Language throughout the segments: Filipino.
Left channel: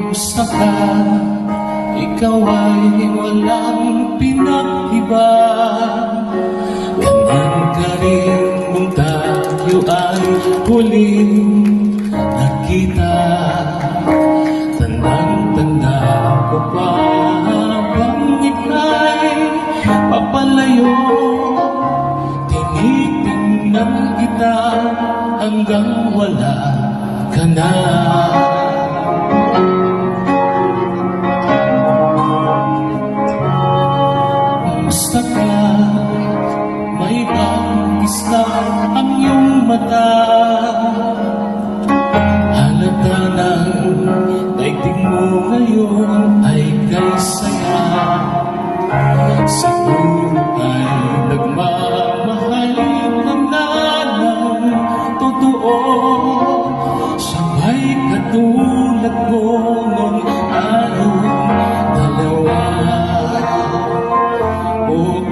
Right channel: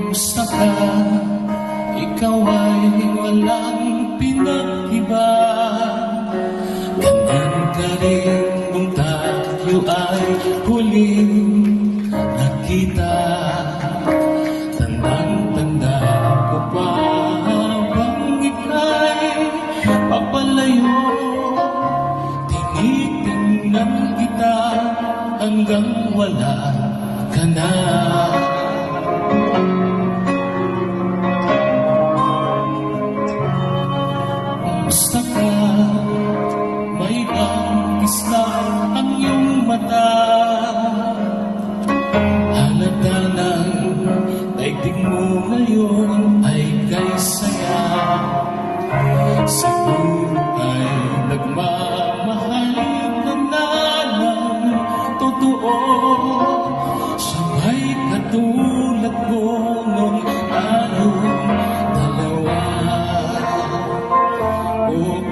Kumusta ka? Ikaw ay walang pinag-iba. Ganyan ka rin kung tayo ay huling nakita. Tandang-tanda ko pa habang ika'y papalayo. Tinitingnan kita hanggang wala ka na. Kumusta ka? May bangis na ang iyong mata. Halata ng daigdig mo ngayon ay kay saya. Siguro ay nagmamahal ka na ng totoo. Siya'y katulad mo nung tayong dalawa.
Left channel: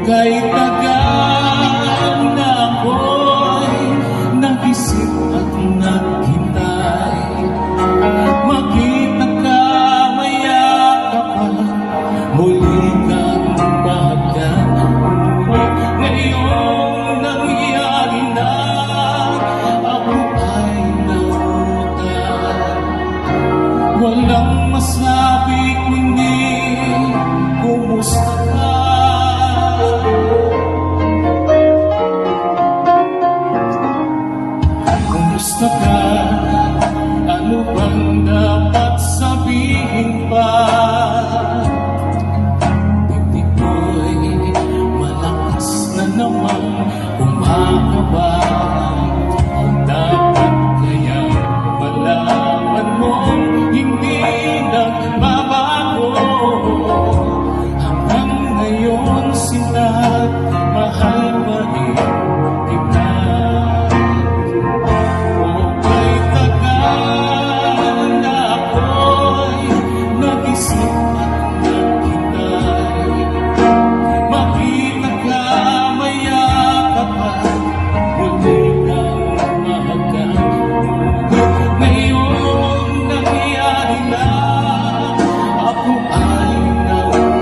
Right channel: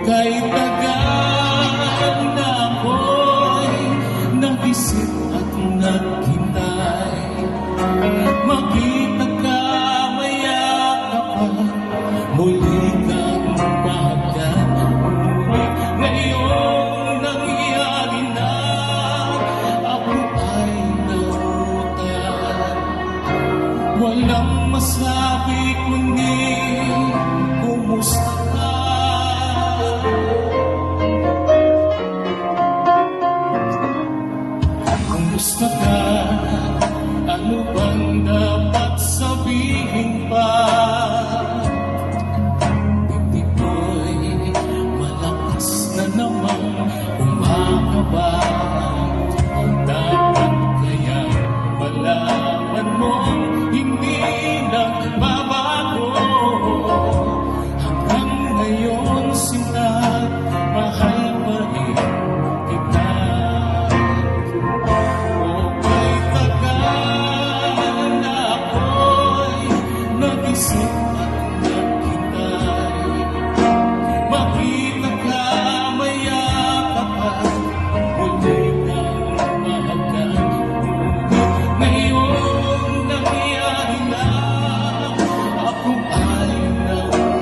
Kay tagal na ako'y nag-isip at naghintay. Makita ka, mayakap ka, muli kang mahagkan. Ngayong nangyari na, ako ay nautang. Walang masabi kundi kumusta ka. Kumusta ka? Ano bang dapat sabihin pa? Bibig ko'y malakas na naman umakaba. Dapat kaya malaman mo hindi nagbabago. Hanggang ngayon sila mahal pa rin kita. Kumusta ka? Kay tagal na ako'y nag-isip at naghintay. Bakit nagkamayakap ka? Muli kang mahagkan. Ngayong nangyari na, ako ay nautang.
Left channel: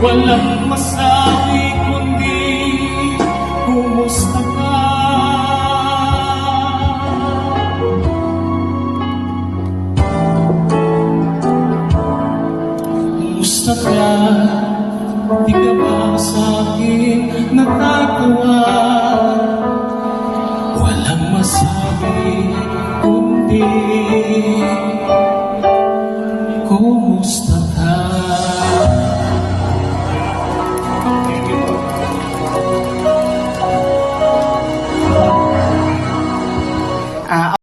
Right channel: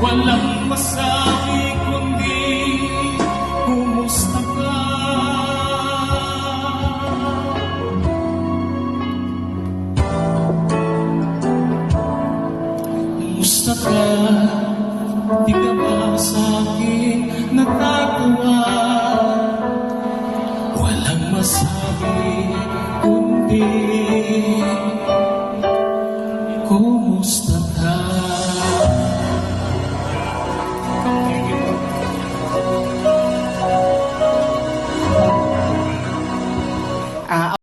Walang masabi kumusta ka? Kumusta ka? Di ka ba sa akin natatawa? Walang masabi kundi